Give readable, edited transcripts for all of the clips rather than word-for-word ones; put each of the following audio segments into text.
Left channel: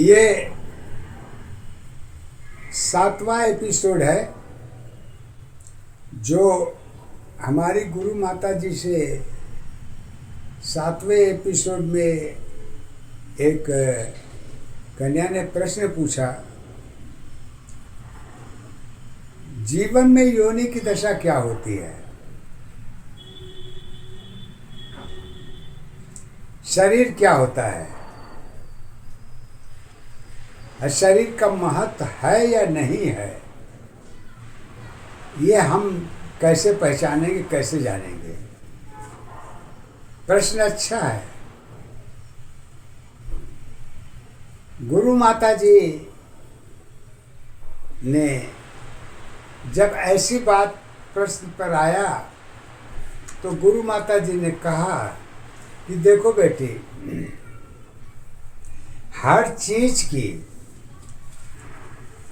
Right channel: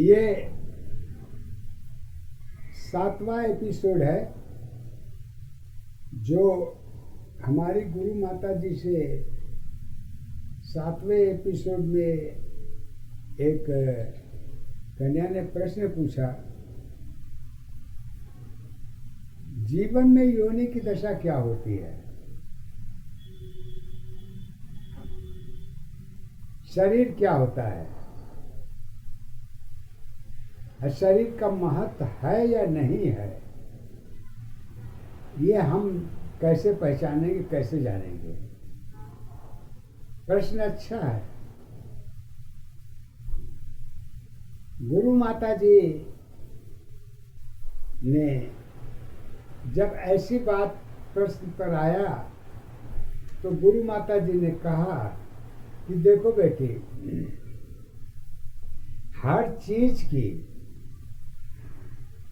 ये 7वां एपिसोड है जो हमारी गुरु माता जी से 7वें एपिसोड में एक कन्या ने प्रश्न पूछा, जीवन में योनि की दशा क्या होती है, शरीर क्या होता है, शरीर का महत्व है या नहीं है, ये हम कैसे पहचानेंगे, कैसे जानेंगे। प्रश्न अच्छा है। गुरु माता जी ने जब ऐसी बात प्रश्न पर आया तो गुरु माता जी ने कहा कि देखो बेटी, हर चीज की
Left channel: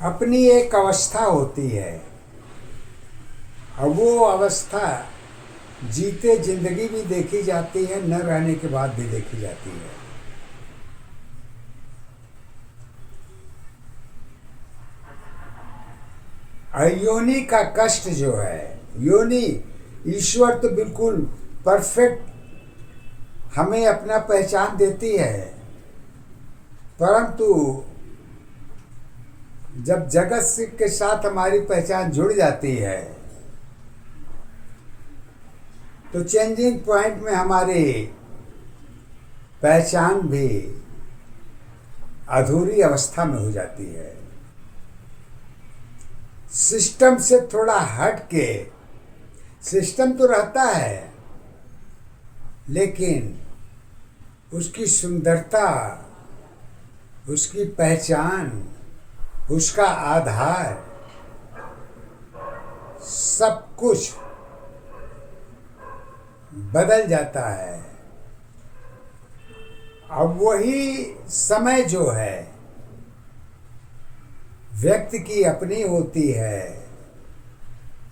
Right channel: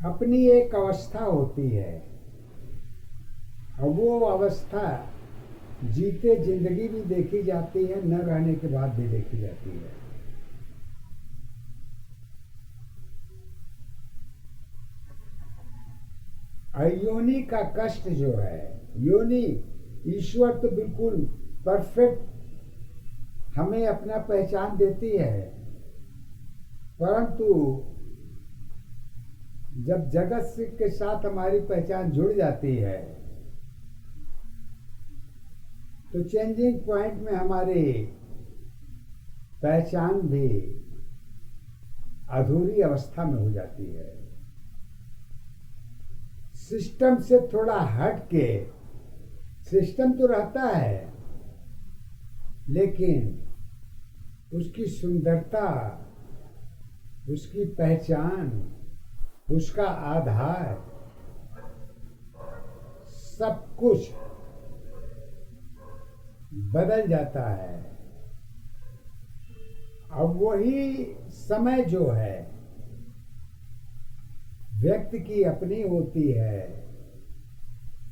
अपनी एक अवस्था होती है और वो अवस्था जीते जिंदगी भी देखी जाती है, न रहने के बाद भी देखी जाती है। योनि का कष्ट जो है, योनि ईश्वर तो बिल्कुल परफेक्ट हमें अपना पहचान देती है, परंतु जब जगत के साथ हमारी पहचान जुड़ जाती है तो चेंजिंग पॉइंट में हमारी पहचान भी अधूरी अवस्था में हो जाती है। सिस्टम से थोड़ा हट के, सिस्टम तो रहता है लेकिन उसकी सुंदरता, उसकी पहचान, उसका आधार, सब कुछ बदल जाता है। अब वही समय जो है व्यक्ति की अपनी होती है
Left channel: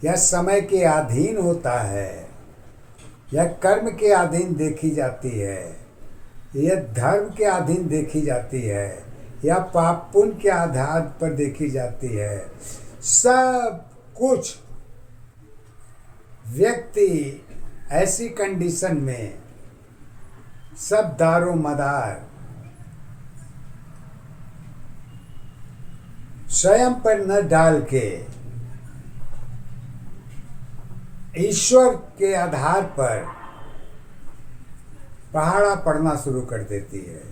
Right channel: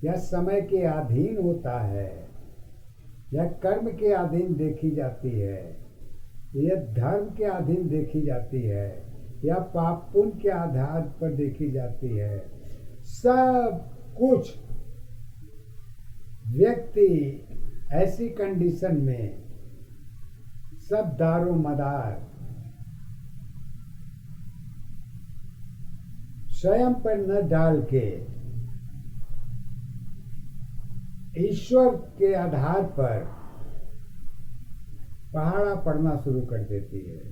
या समय के अधीन होता है या कर्म के अधीन देखी जाती है या धर्म के अधीन देखी जाती है या पाप पुण्य के आधार पर देखी जाती है। सब कुछ व्यक्ति ऐसी कंडीशन में सब दारो मदार स्वयं पर न डाल के ईश्वर के आधार पर पहाड़ा पड़ना शुरू कर देती है।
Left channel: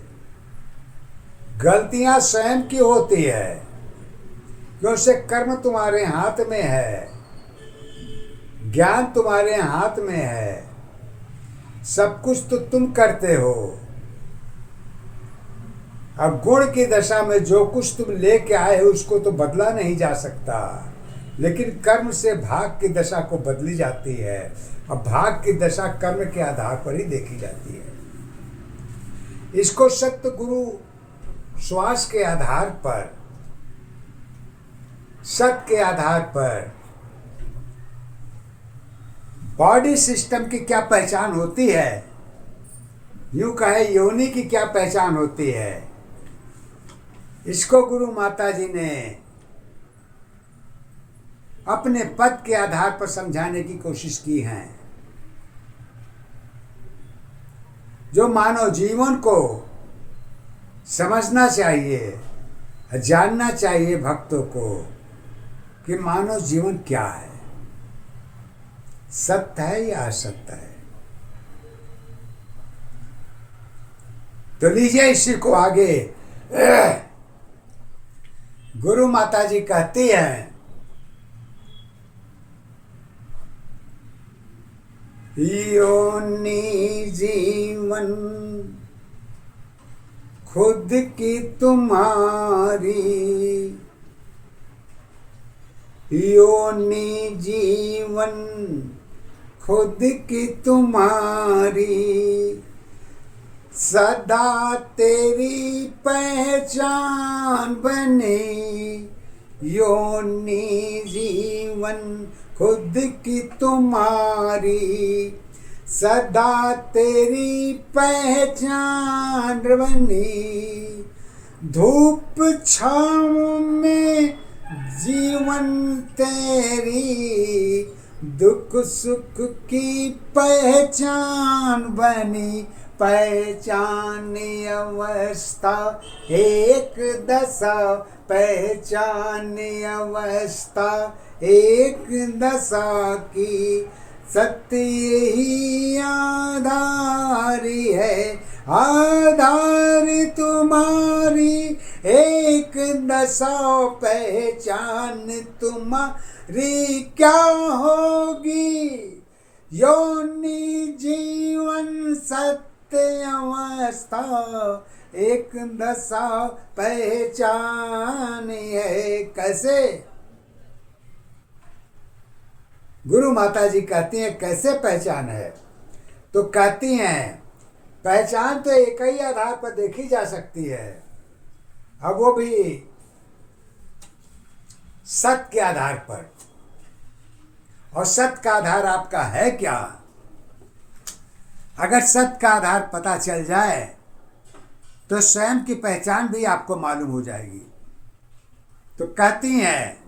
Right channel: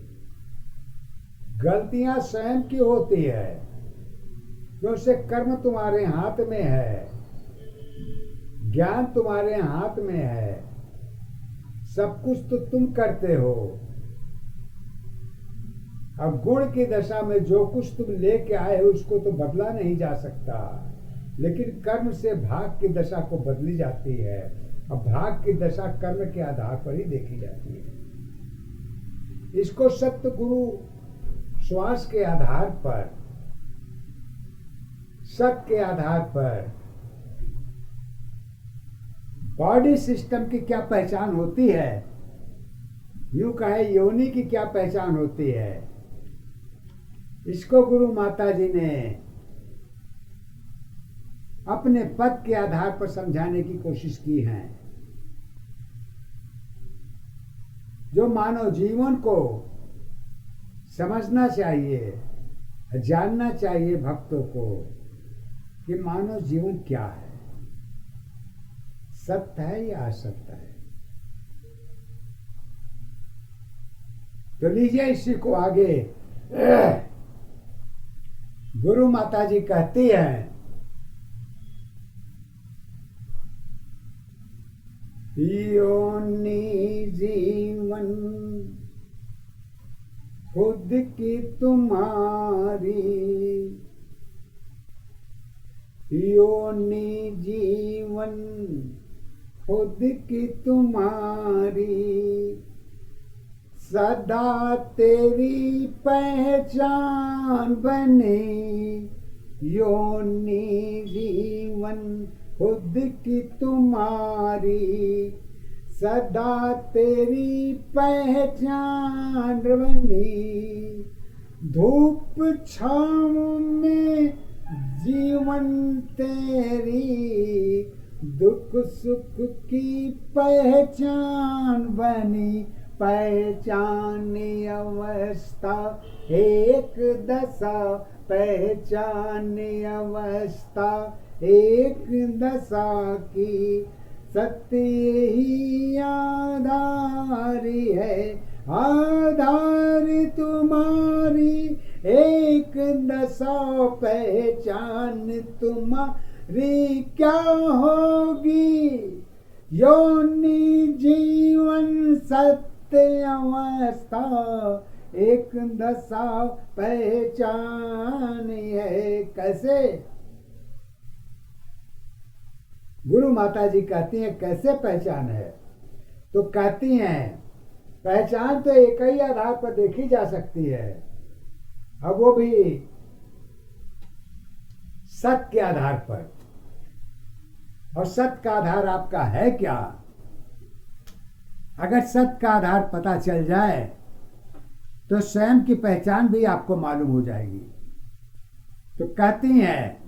गलतियां स्वयं की होती है क्योंकि कर्म तुम्हारे हाथ में है, ज्ञान तुम्हारे हाथ में है, सब कुछ तो तुम करते हो। अब गुण की दशा में जो कुछ तुम लेके आए हो उसको तो बदला नहीं जा सकता, लेकिन कर्म से भाग की दशा को बदली जाती है। अब भाग की दशा कर्म के आधार पर ही देखी जाती है। इसको सत्य गुरु श्वास के आधार पर, सत्य के आधार पर बॉडी सिस्टम की क्या पहचान होती है, यूं कहे योनि की क्या पहचान होती है, इसको गुरु माता जी ने अपने पद के आधार पर समझाने की कोशिश की है। जो मानव जीवन को समझना चाहिए, जानना चाहिए भक्तों को कि मानव जीवन क्या है, सत्य है या असत्य है। तो लीजिए इसी को आगे गुरु माता जी कहती हैं, योनि जीवन खुद की तुम्हारी, योनि जीवन खुद की तुम्हारी, सदा तेरी पहचान बने, योनि जीवन खुद की तुम्हारी, सदा तेरी पहचान बनी, धूप छाँव में जीवन तेरी, दुख सुख की पहचान बनी, पहचान अवस्था एक दशा, पहचान अवस्था एक दशा की, सत्य ही आधारी है, आधार तुम्हारी एक दशा, पहचान तुम्हारी क्या होगी, योनि जीवन सत्य अवस्था एक दशा पहचान है। कैसे? गुरु माता जी कहती हैं कैसे पहचान है? तो कहती हैं पहचान तो एक ही आधार पर देखी जा सकती है, अब वो भी सत्य के आधार पर। और सत्य का आधार आपका है क्या? अगर सत्य का आधार पता चल जाए तो स्वयं की पहचान भी आपको मालूम हो जाएगी। तो कहती हैं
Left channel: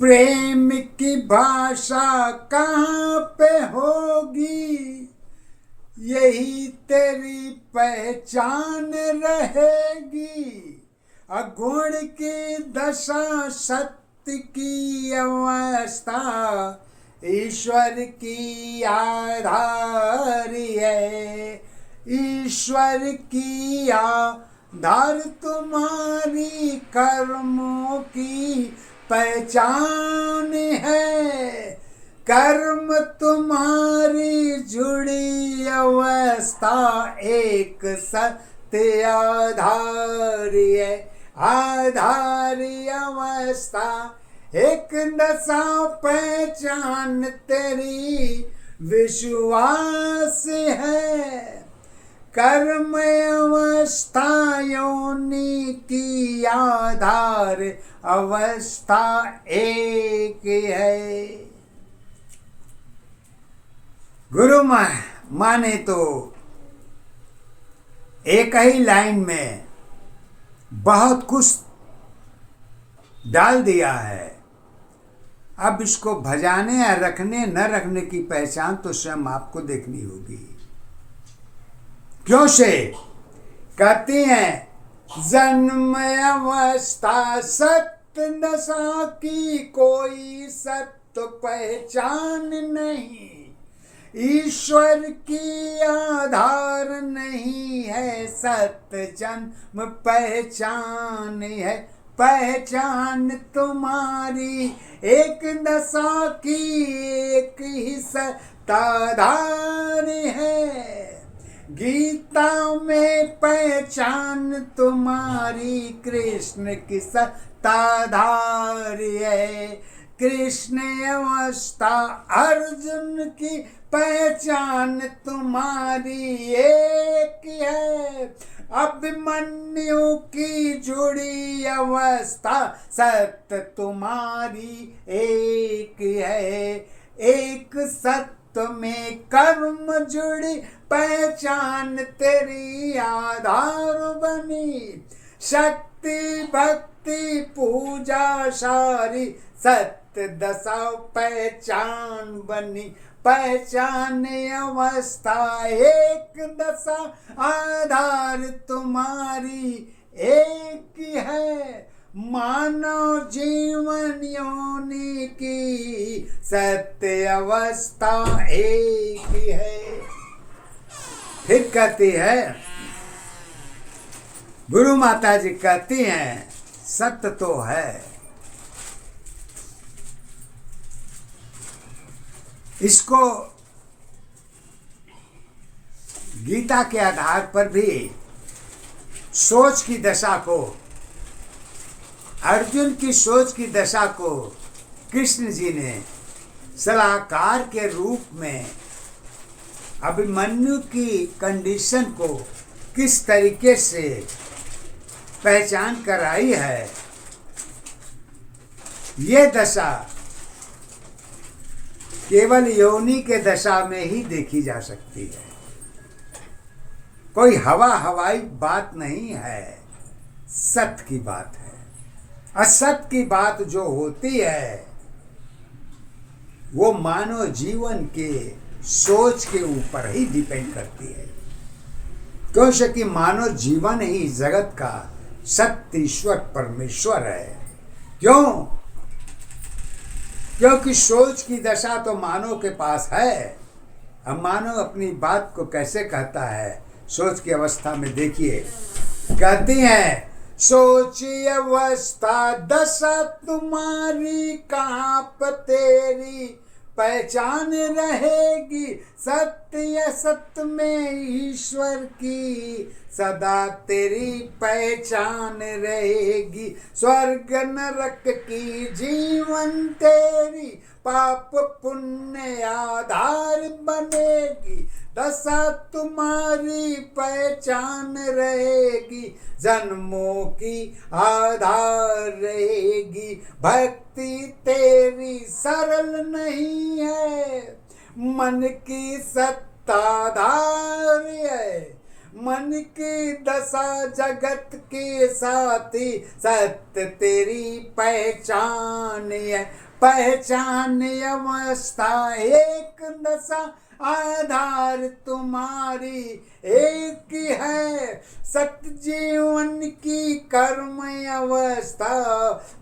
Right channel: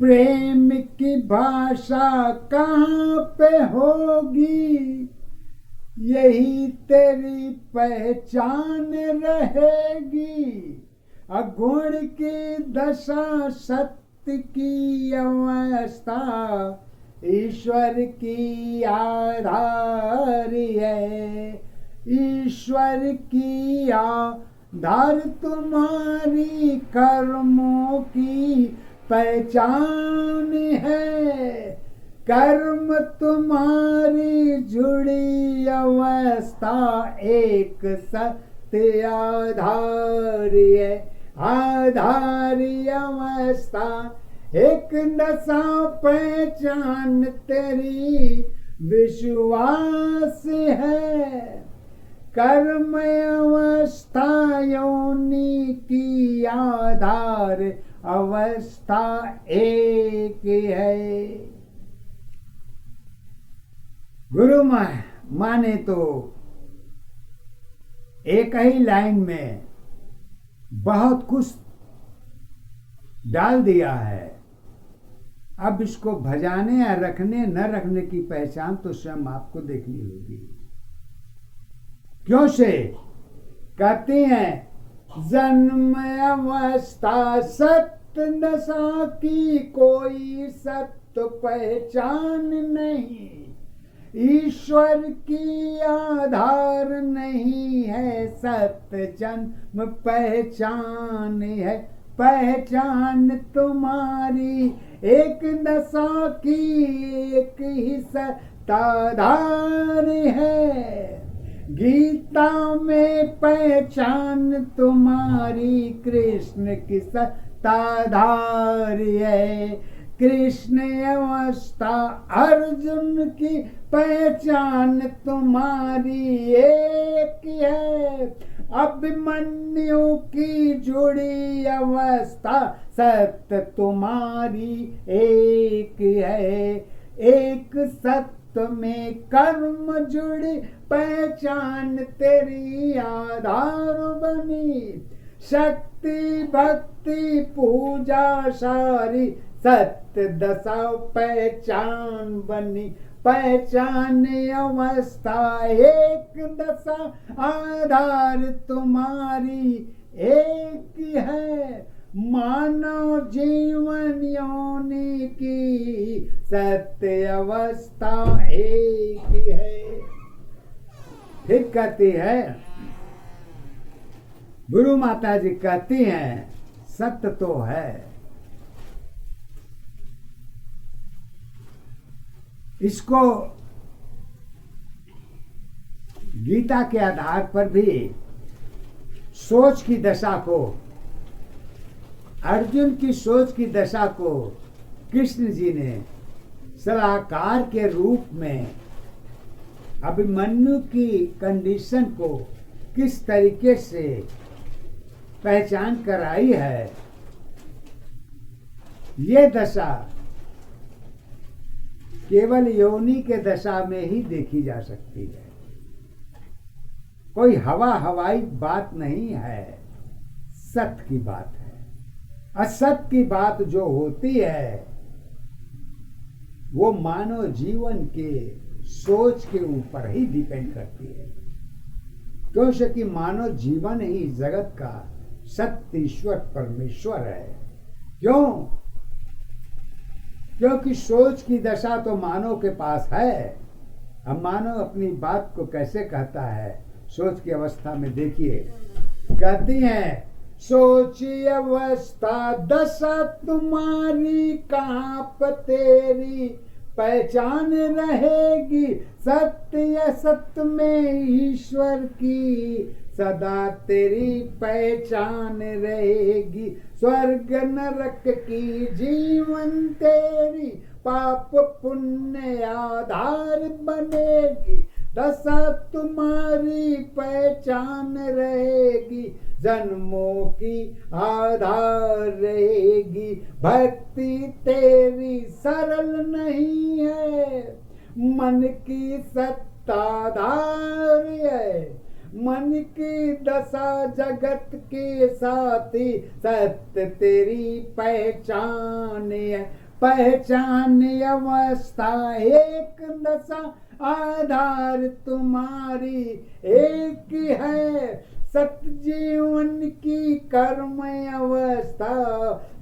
प्रेम की भाषा कहाँ पे होगी, यही तेरी पहचान रहेगी, अगुण की दशा सत्य की अवस्था ईश्वर की आधारी है, ईश्वर की आधार तुम्हारी कर्मों की पहचान है, कर्म तुम्हारी जुड़ी अवस्था एक सत्य आधारी है, आधारी अवस्था एक दशा पहचान तेरी विश्वास है, कर्म अवस्था योनि की आधार अवस्था एक है। गुरु माने तो एक ही लाइन में बहुत कुछ डाल दिया है। अब इसको भजाने या रखने न रखने की पहचान तो स्वयं आपको देखनी होगी। क्यों से? कहती हैं जन्म अवस्था सत्य दशा की कोई सत्य पहचान नहीं, ईश्वर की आधार नहीं है, सत्य जन्म पहचान है, पहचान तुम्हारी एक दशा की एक ही सत्ताधार है, गीता में पहचान तुम्हारी कृष्ण की सत्ताधारी है, कृष्ण अवस्था अर्जुन की पहचान तुम्हारी एक है, अभिमन्यु की जुड़ी अवस्था सत्य तुम्हारी एक है, एक सत्य में कर्म जुड़ी पहचान तेरी आधार बनी, शक्ति भक्ति पूजा सारी सत्य दशा पहचान बनी, पहचान अवस्था एक दशा आधार तुम्हारी एक है, मानव जीवन योनि की सत्य अवस्था एक है। फिर कहती है गुरु माता जी कहती हैं सत्य तो है, इसको गीता के आधार पर भी सोच की दशा को, अर्जुन की सोच की दशा को कृष्ण जी ने सलाहकार के रूप में अभिमन्यु की कंडीशन को किस तरीके से पहचान कराई है, ये दशा केवल योनि के दशा में ही देखी जा सकती है। कोई हवाई बात नहीं है, सत्य की बात है। असत्य की बात जो होती है वो मानव जीवन के सोच के ऊपर ही डिपेंड करती है, क्योंकि मानव जीवन ही जगत का सत्य ईश्वर परमेश्वर है। क्यों? क्योंकि सोच की दशा तो मानव के पास है। अब मानव अपनी बात को कैसे कहता है, सोच की अवस्था में देखिए, कहती हैं सोची अवस्था दशा तुम्हारी, कहाँ पर तेरी पहचान रहेगी। सत्य सत्य में ईश्वर की सदा तेरी पहचान रहेगी। स्वर्ग नरक की जीवन तेरी पाप पुण्य आधार बनेगी। दशा तुम्हारी पहचान रहेगी, जन्मों की आधार रहेगी। भक्ति तेरी सरल नहीं है, मन की सत्ताधार है। मन की दशा जगत के साथी, सत्य तेरी पहचान है। पहचान अवस्था एक दशा, आधार तुम्हारी एक है। सत्य जीवन की कर्म अवस्था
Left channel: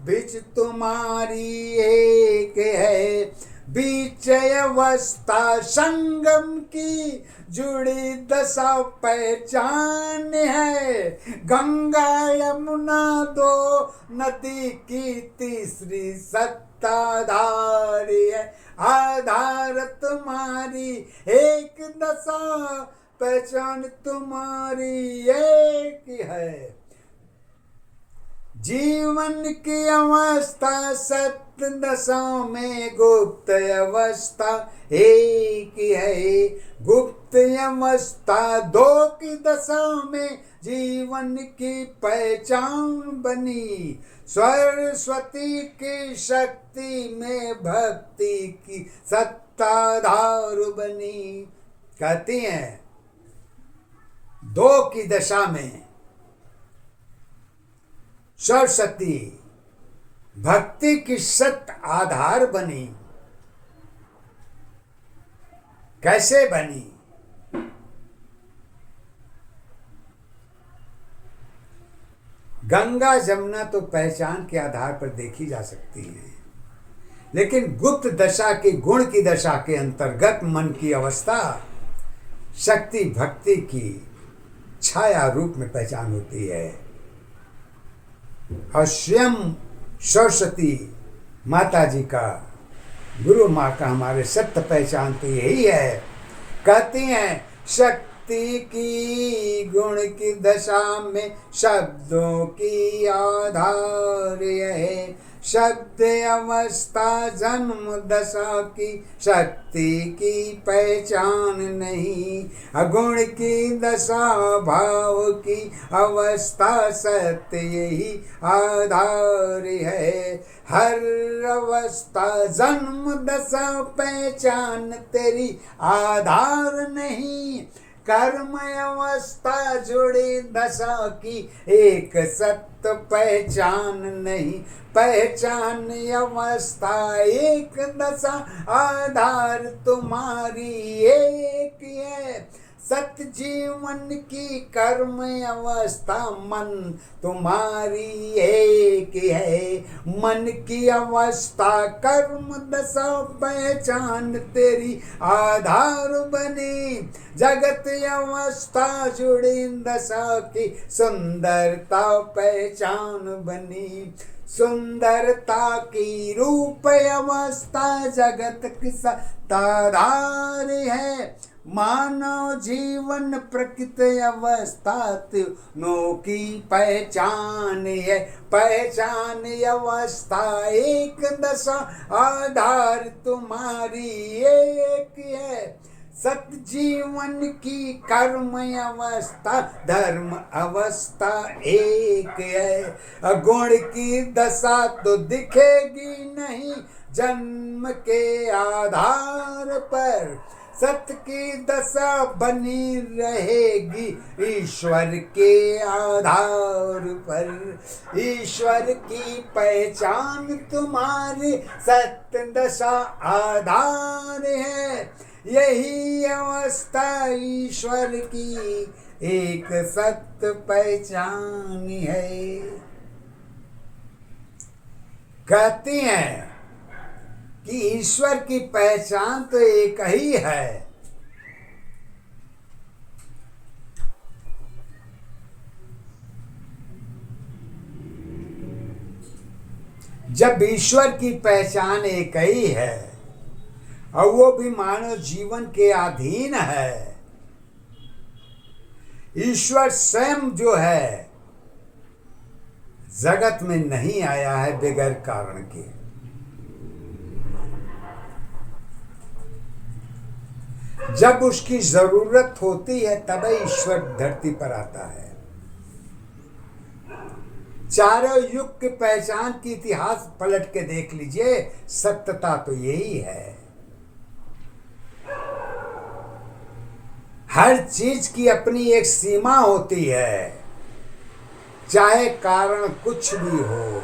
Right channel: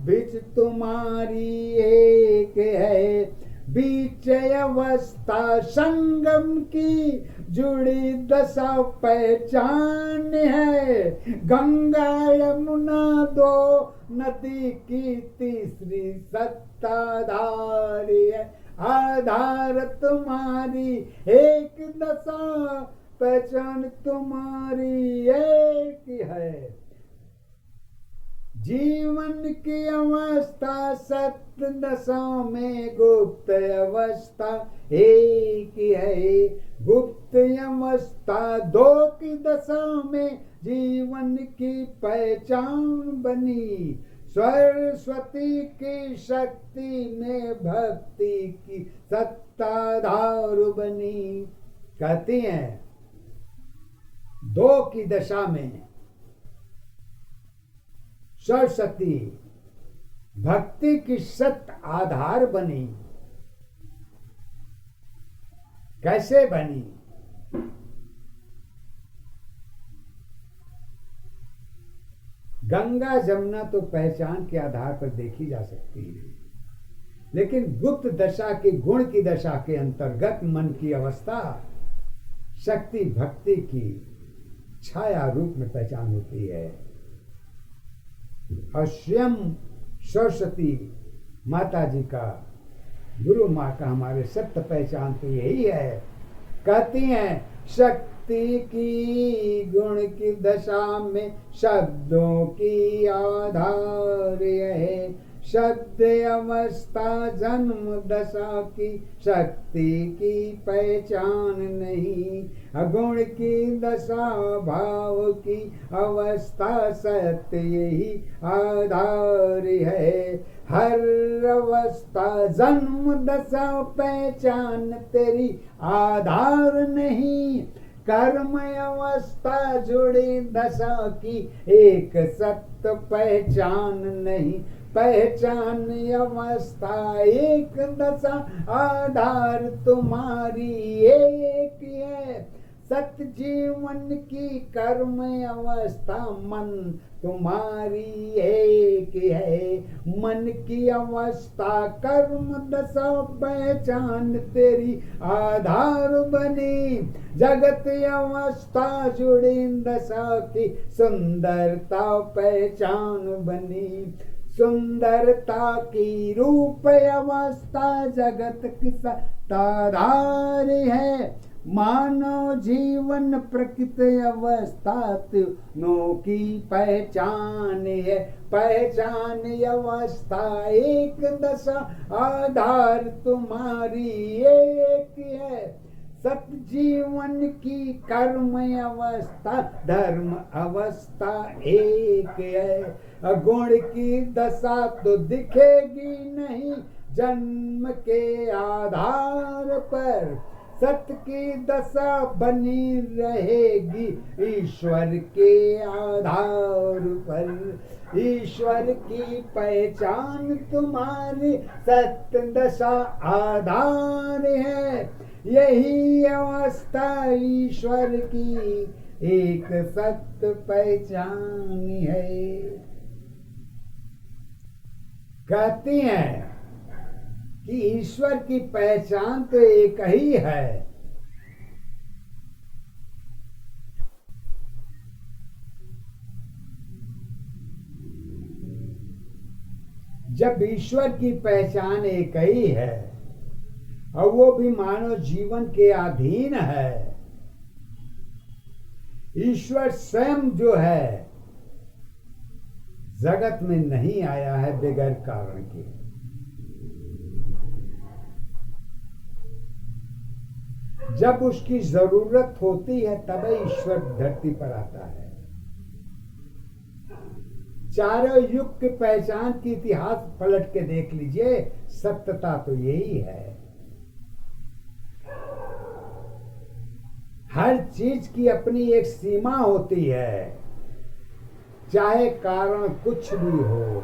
बीच तुम्हारी एक है। बीच अवस्था संगम की जुड़ी दशा पहचान है। गंगा यमुना दो नदी की तीसरी सत्ताधार है। आधार तुम्हारी एक दशा, पहचान तुम्हारी एक है। जीवन की अवस्था सत्य दशा में, गुप्त अवस्था एक है। गुप्त अवस्था दो की दशा में जीवन की पहचान बनी। सरस्वती की शक्ति में भक्ति की सत्ताधार बनी। कहती हैं दो की दशा में सरस्वती भक्ति की सत्य आधार बनी। कैसे बनी? गंगा जमुना तो पहचान के आधार पर देखी जा सकती है, लेकिन गुप्त दशा की गुण की दशा के अंतर्गत मन की अवस्था शक्ति भक्ति की छाया रूप में पहचान होती है। और स्वयं सरस्वती माता जी का, गुरु माँ का हमारे सत्य पहचान तो यही है। कहती हैं शक्ति की गुण की दशा में शब्दों की आधार है। शब्द अवस्था जन्म दशा की शक्ति की पहचान नहीं। अगुण की दशा भाव की अवस्था सत्य यही आधार है। हर अवस्था जन्म दशा पहचान तेरी आधार नहीं। कर्म अवस्था जुड़ी दशा की एक सत्य पहचान नहीं। पहचान अवस्था एक दशा, आधार तुम्हारी एक है। सत्य जीवन की कर्म अवस्था मन तुम्हारी एक है। मन की अवस्था कर्म दशा पहचान तेरी आधार बनी। जगत अवस्था जुड़ी दशा की सुंदरता पहचान बनी। सुंदरता की रूप अवस्था जगत की सत्ताधार है। मानव जीवन प्रकृति अवस्था तीनों की पहचान है। पहचान अवस्था एक दशा, आधार तुम्हारी एक है। सत्य जीवन की कर्म अवस्था धर्म अवस्था एक है। गुण की दशा तो दिखेगी नहीं जन्म के आधार पर। सत्य की दशा बनी रहेगी ईश्वर के आधार पर। ईश्वर की पहचान तुम्हारी सत्य दशा आधार है। यही अवस्था ईश्वर की एक सत्य पहचान है। कहती हैं कि ईश्वर की पहचान तो एक ही है। जब ईश्वर की पहचान एक ही है और वो भी मानव जीवन के अधीन है, ईश्वर स्वयं जो है जगत में नहीं आया है बगैर कारण के। जब उसकी जरूरत होती है तब ईश्वर धरती पर आता है। चारों युग की पहचान की इतिहास पलट के देख लीजिए, सत्यता तो यही है। हर चीज की अपनी एक सीमा होती है, चाहे कारण कुछ भी हो,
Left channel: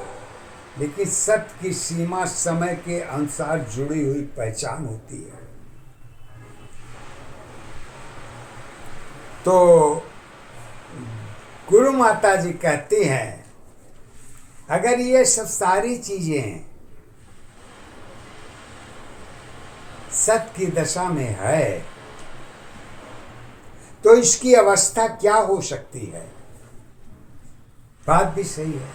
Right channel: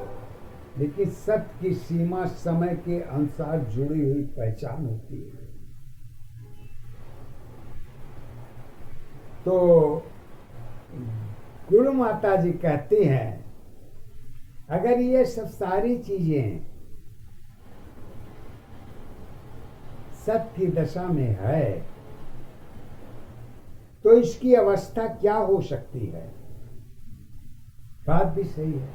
लेकिन सत्य की सीमा समय के अनुसार जुड़ी हुई पहचान होती है। तो गुरु माता जी कहती हैं, अगर ये सब सारी चीजें सत्य की दशा में है तो इसकी अवस्था क्या हो सकती है? बात भी सही है।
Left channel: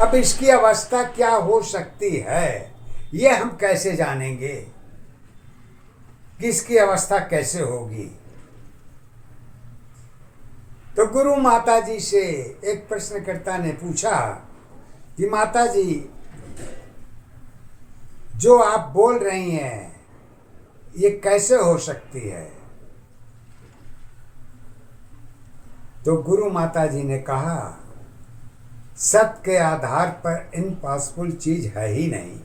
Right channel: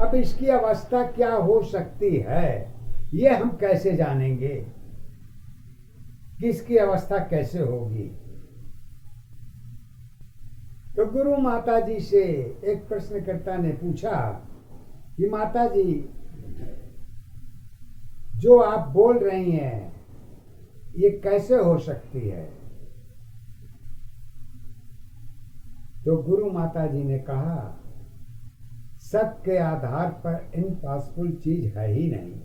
अब इसकी अवस्था क्या हो सकती है, ये हम कैसे जानेंगे? किसकी अवस्था कैसे होगी? तो गुरु माता जी से एक प्रश्नकर्ता ने पूछा कि माता जी, जो आप बोल रही हैं ये कैसे हो सकती है? तो गुरु माता जी ने कहा, सत्य के आधार पर इम्पॉसिबल चीज है ही नहीं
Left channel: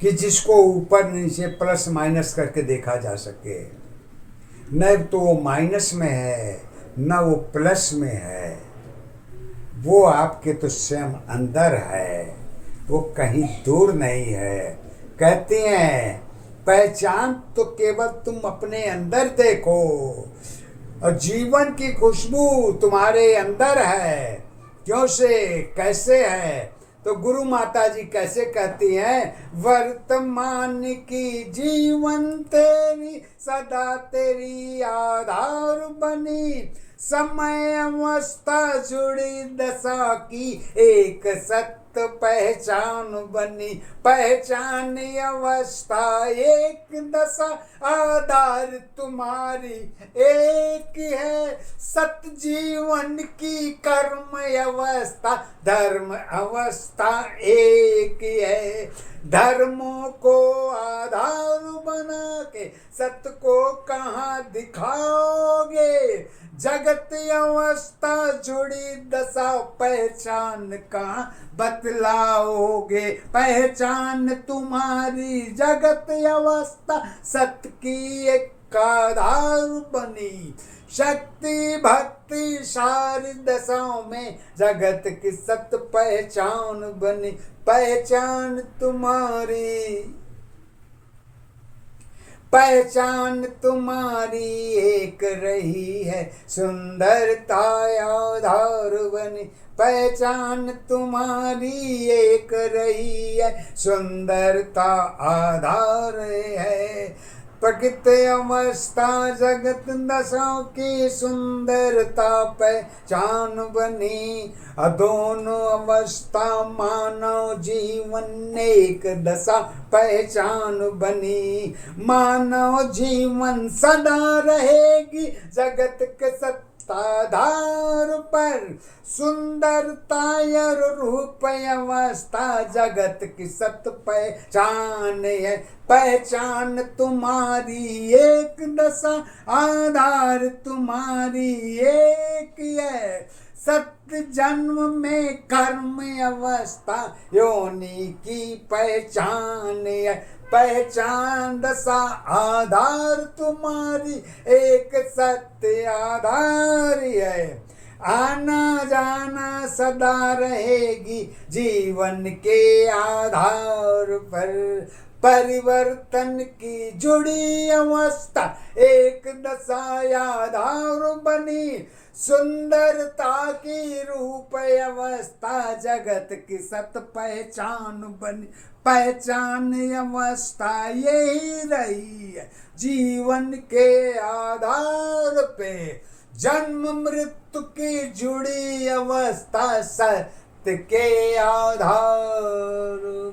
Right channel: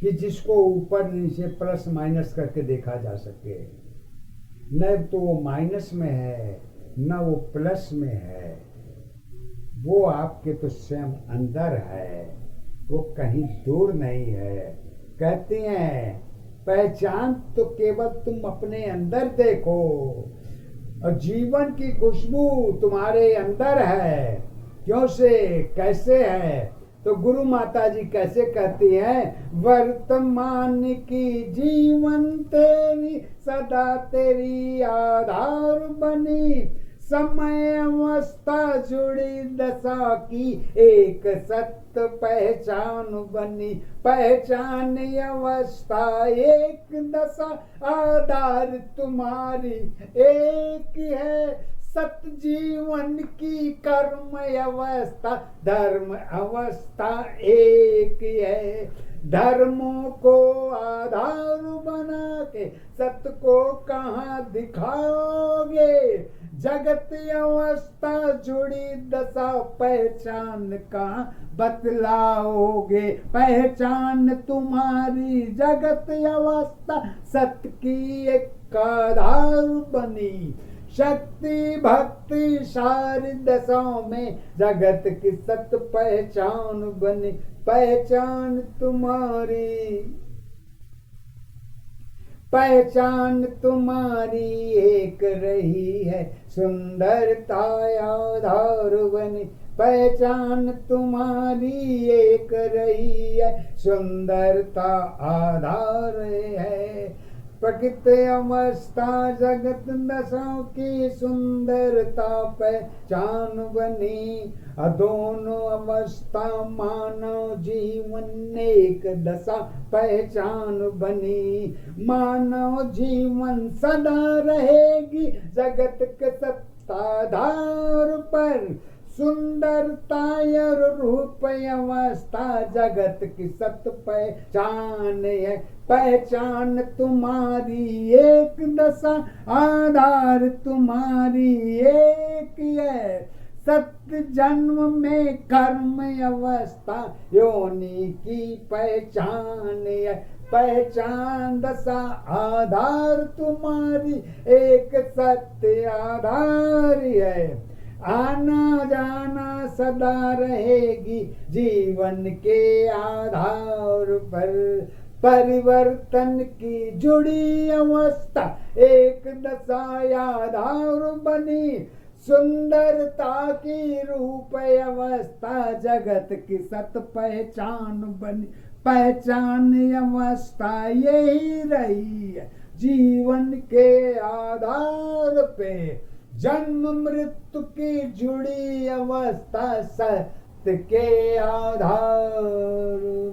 कि जिसको ऊपर नीचे प्लस माइनस करके देखा जा सके। न तो वो माइनस में है न वो प्लस में है, वो आपके तो स्वयं अंदर है, वो कहीं दूर नहीं है। कहते हैं पहचान तो केवल तुम अपने अंदर देखो, और जीवन की खुशबू तुम्हारे अंदर है। क्यों से कैसे है? तो गुरु माता जी कैसे कहती हैं, वर्तमान की जीवन तेरी सदा तेरी आधार बनी, समय अवस्था जुड़ी दशा की एक सत्य पहचान बनी। पहचान अवस्था एक दशा आधार तुम्हारी एक है, सत्य जीवन की कर्म अवस्था धर्म अवस्था एक है। धर्मों को आधार बना के सत्य को कहाँ दिखाओगे? जगत अवस्था जुड़ी दशा पहचान कहाँ बतलाओगे? पहचान तुम्हारी जगत अवस्था सत्य की एक आधार बनी। शक्ति भक्ति सारी दशाओं में जगत की सत्य पहचान बनी। पहचान तुम्हारी एक रही है, सुंदरता आधार बनी। पहचान तुम्हारी एक रही है, सुंदरता आधार है। प्रकृति अवस्था जगत दशाओं की सुंदरता पहचान बनी। दोनों अवस्था मानव जीवन एक दशा पहचान बनी। मानव जीवन सदा रहेगी जगत के सत्ताधार पर। सुंदरता और रूप अवस्था जगत की सत्य पहचान है। पहचान तुम्हारी एक दशा आधार तुम्हारी एक है, सत्य जन्म में कर्म अवस्था योनि की पहचान है। पहचान दशा आधार तुम्हारी एक सत्य आधार है। आना जाना सदा रहेगी जीवन के आधार पर। परिवर्तन की जुड़ी अवस्था एक दशा आधार बनी। सुंदरता की रूप अवस्था जगत की सत पहचान बनी। पहचान अवस्था यही रही है जीवन के आधार पे। जन्म मृत्यु की जुड़ी अवस्था सत्य के आधार